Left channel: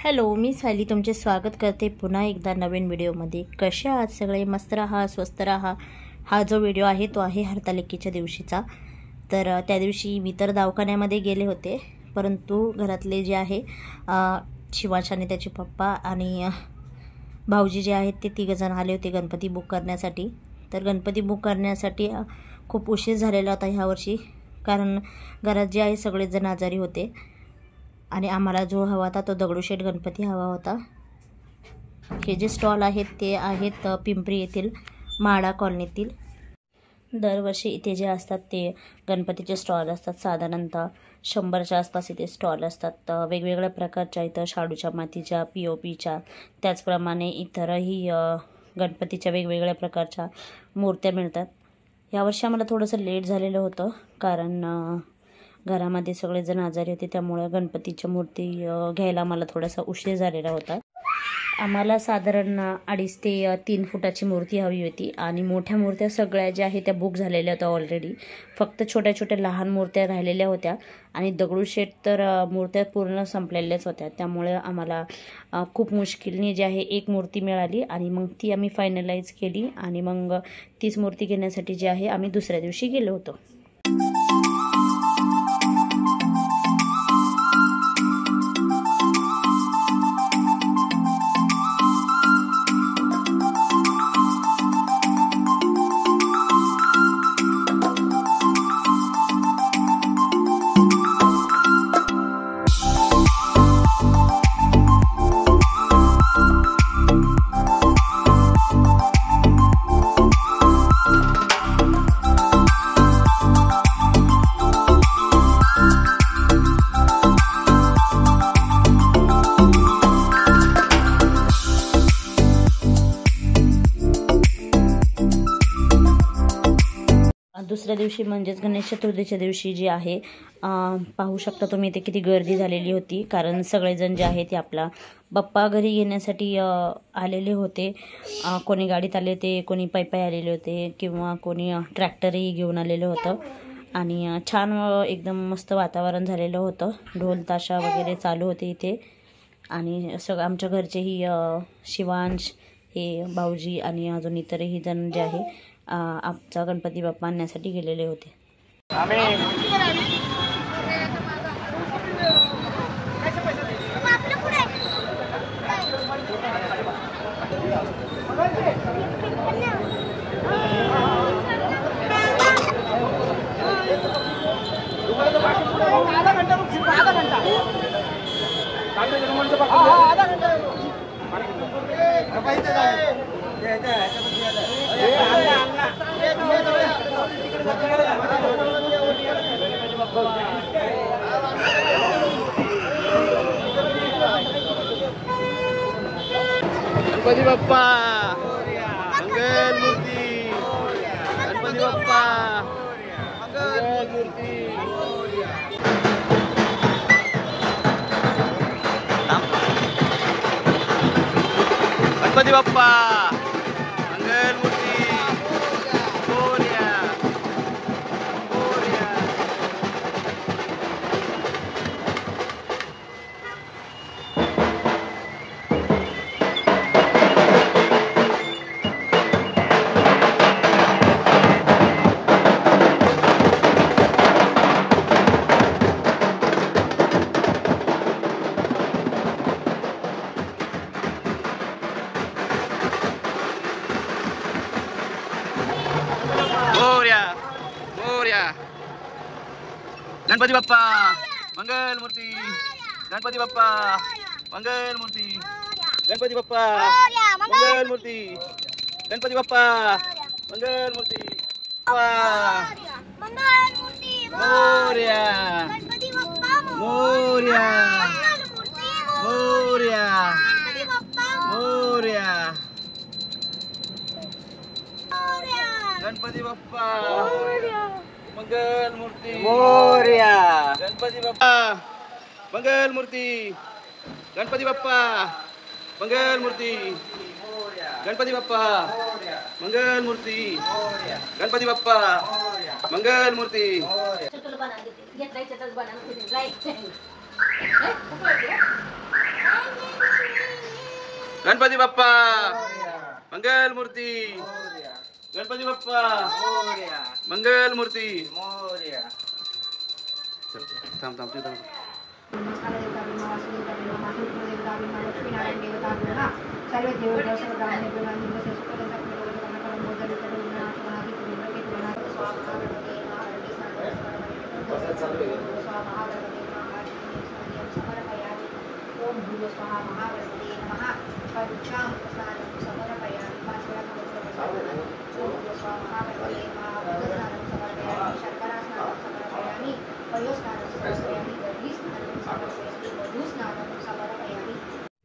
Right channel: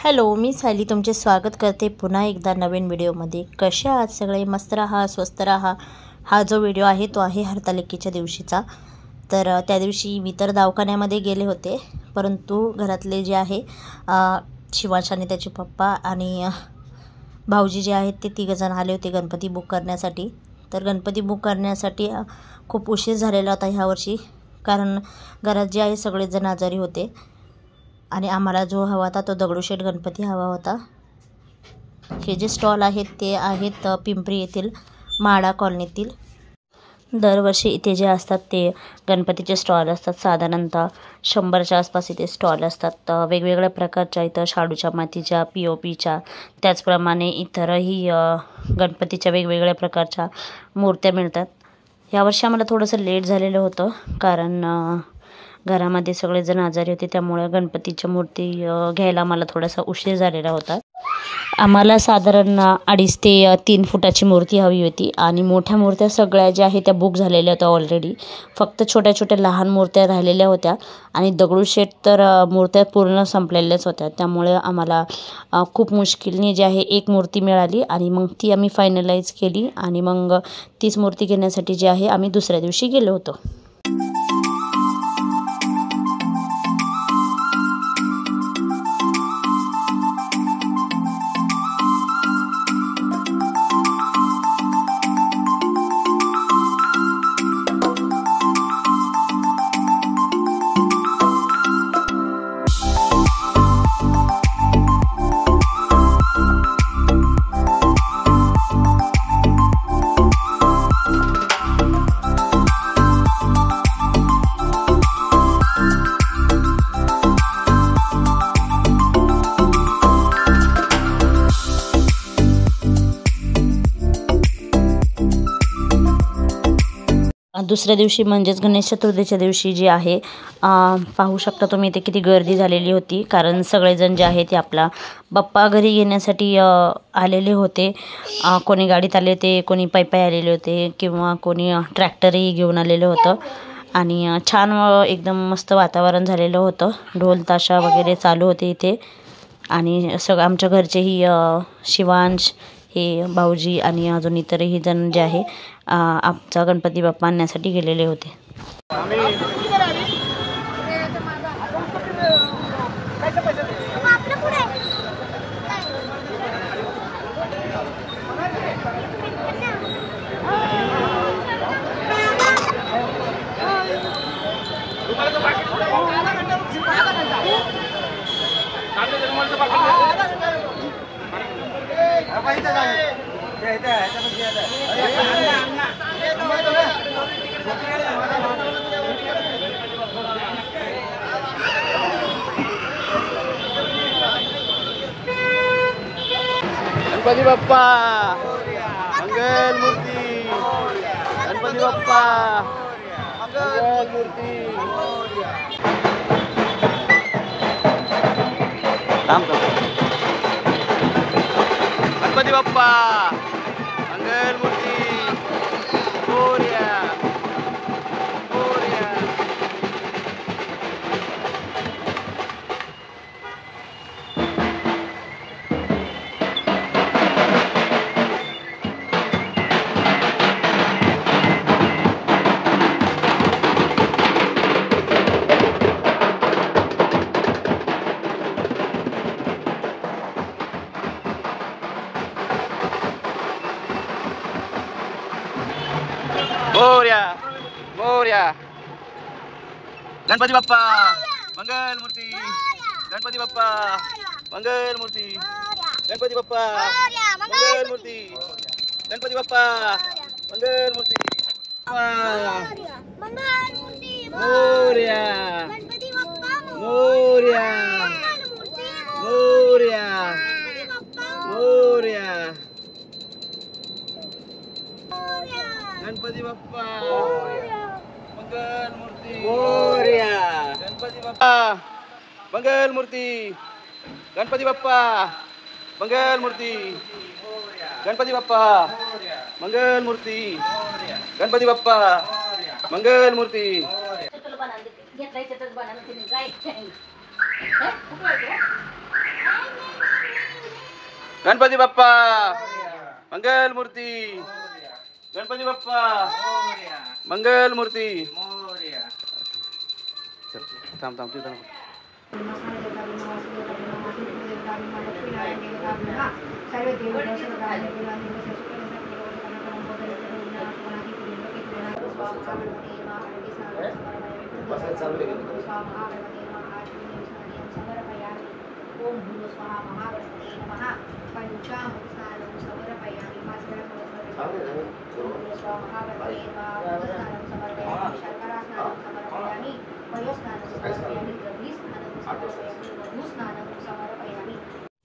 Hello, मी सायली तुमचे स्वागत करते पुन्हा एकदा नवीन व्हिडिओमध्ये। कसे आहात सगळे? मस्त राहा, स्वस्थ राहा। हा जो व्हिडिओ आहे तो आहे हरतालिकेच्या दिवशीचा। तर त्या दिवशी मी तर दवाखान्यामध्ये गेले होते, परंतु घरातले जे आहे शिवांश आणि त्याचे पप्पा आणि भाऊजी जे आहेत ते तिघजण आले होते गणपती बुक करण्यासाठी। तर गणपती बुक करण्यासाठी खूप उशीर झालेला होता ह्या वर्षी, कारण घरात जे आहे सगळेच जण आजारी होते आणि आम्हाला जो हवा होता तो दगडूशेठ गणपती हवा होता। हे जे स्टॉल आहेत ते आहेत पिंपरी येथील माडा कॉलनीतील। दरवर्षी इथे जे असतात ते गणपतीचे स्टॉल असतात, साधारणतः 100च्या आसपास इथे स्टॉल असतात। वेगवेगळ्या प्रकारच्या इथं शाडूच्या मातीच्या, POPच्या, त्याचप्रमाणे इतरही गणपतीच्या वेगवेगळ्या प्रकारच्या मूर्त्या मिळतात। यावर्षी आम्हाला थोडंसं लेट झालेलं होतं, कारण घरामध्ये सगळेजण आजारी होते, त्यामुळे गणपतीच्या मूर्ती घ्यायला मला थोडासा उशीर झालेला होता। आम्हाला साधारण 2.5 ते 3 फुटाची मूर्ती हवी होती आणि मोठ्या मूर्त्या सगळ्या ज्या आहेत त्या बुक झालेल्या होत्या ऑलरेडी। फक्त छोट्या छोट्या लहान मूर्त्या राहिलेल्या होत्या आणि दगडूशेठ तर मूर्त्या पूर्ण संपलेल्याच होत्या। त्यामुळे आम्हाला खूप मुश्किलने जे आहे एक मूर्ती मिळाली आणि मग ती आम्ही फायनलाइज केली आणि मग तीच मूर्ती घेण्यासाठी जे आहे आम्ही दुसऱ्या दिवशी गेलो होतो। दुसऱ्या दिवशी म्हणजेच गणेश चतुर्थीच्या दिवशी जे आहे पाहू शकता तुम्ही इथे किती गर्दी झालेली होती, कारण सगळेजण जे आहे ते आपला बाप्पा घरी घेण्यासाठी आलेले होते। कोणी गाडीत आले होते, कोणी पायी आलेले होते किंवा कोणी ट्रॅक्टरही घेऊन आलेलं होतं आणि छान एकदम मस्त वातावरण झालेलं होतं। ढोल ताशा वगैरे चालू होते इथे आणि सगळं आमच्या घरचेही शिवांश, हे भाऊजी आणि अजून इतरही जण जे आहे आमचा गणपती बाप्पा आणण्यासाठी गेलेले होते। गणपती बाप्पा मंगल मूर्ती, गणपती बाप्पा मंगल मूर्ती। गणपती बाप्पा मंगल मूर्ती मोरया मोरया। मोरया मोरया। गणपती बाप्पा मंगल मूर्ती, गणपती बाप्पा मंगल मूर्ती, गणपती बाप्पा मंगल मूर्ती, गणपती बाप्पा मंगल मूर्ती। मोरया मोरया मोरया मोरया। गणपती बाप्पा मंगल मूर्ती मोरया, गणपती बाप्पा मंगल मूर्ती, गणपती बाप्पा मंगल मूर्ती, गणपती बाप्पा मंगल मूर्ती, गणपती बाप्पा मंगल मूर्ती। घेतलाय गणपती बाप्पा मंगल मूर्ती, गणपती बाप्पा मंगल मूर्ती। थांब थांब तिथं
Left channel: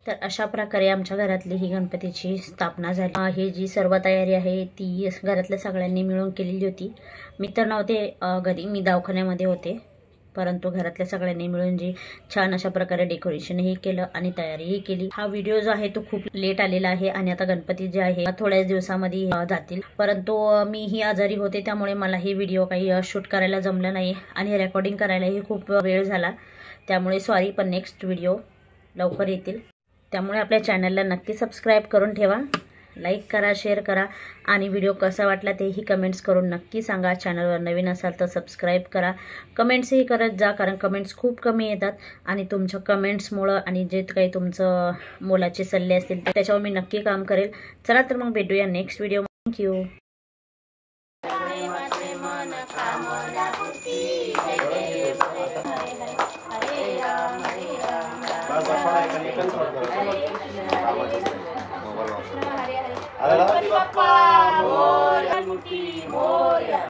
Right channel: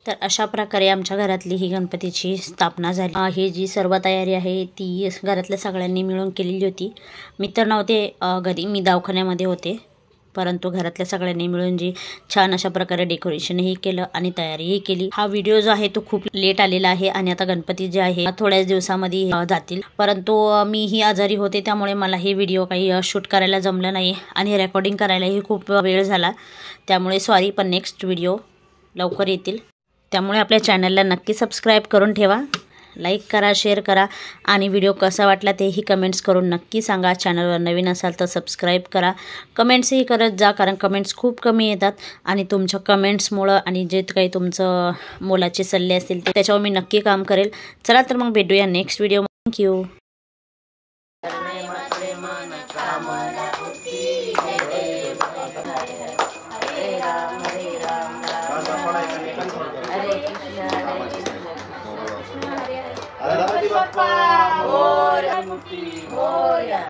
तर अशा प्रकारे आमच्या घरातली ही गणपतीची स्थापना झाली. ही जी सर्व तयारी आहे ती घरातल्या सगळ्यांनी मिळून केलेली होती. मी तर नव्हते घरी, मी दवाखान्यामध्ये होते, परंतु घरातल्या सगळ्यांनी मिळून जी छान अशा प्रकारे डेकोरेशनही केलं आणि तयारीही केली. हा व्हिडिओ जो आहे तो खूप लेट आलेला आहे आणि आता गणपती जे आहे थोड्याच दिवसामध्ये जातील, परंतु मीही आजारी होते त्यामुळे मला हे व्हिडिओ काही शूट करायला जमलं नाही आणि रेकॉर्डिंग करायलाही खूप वेळ झाला, त्यामुळे सॉरी. पण नेक्स्ट व्हिडिओ लवकर येतील, त्यामुळे आपल्या चॅनलला नक्की सबस्क्राईब करून ठेवा, लाईक करा, शेअर करा आणि व्हिडिओ कसा वाटला तेही कमेंट्स करून नक्की सांगा. चॅनलवर नवीन असाल तर सबस्क्राईब करा, कमेंट्सही करत जा, कारण कमेंट्स खूप कमी येतात आणि तुमच्या कमेंट्समुळं आणि जे काही तुमचं मोलाचे सल्ले असतील त्याच्यावर मी नक्की काम करेल. चला तर मग भेटूया next video. Thank you. Ganpati Bappa Morya.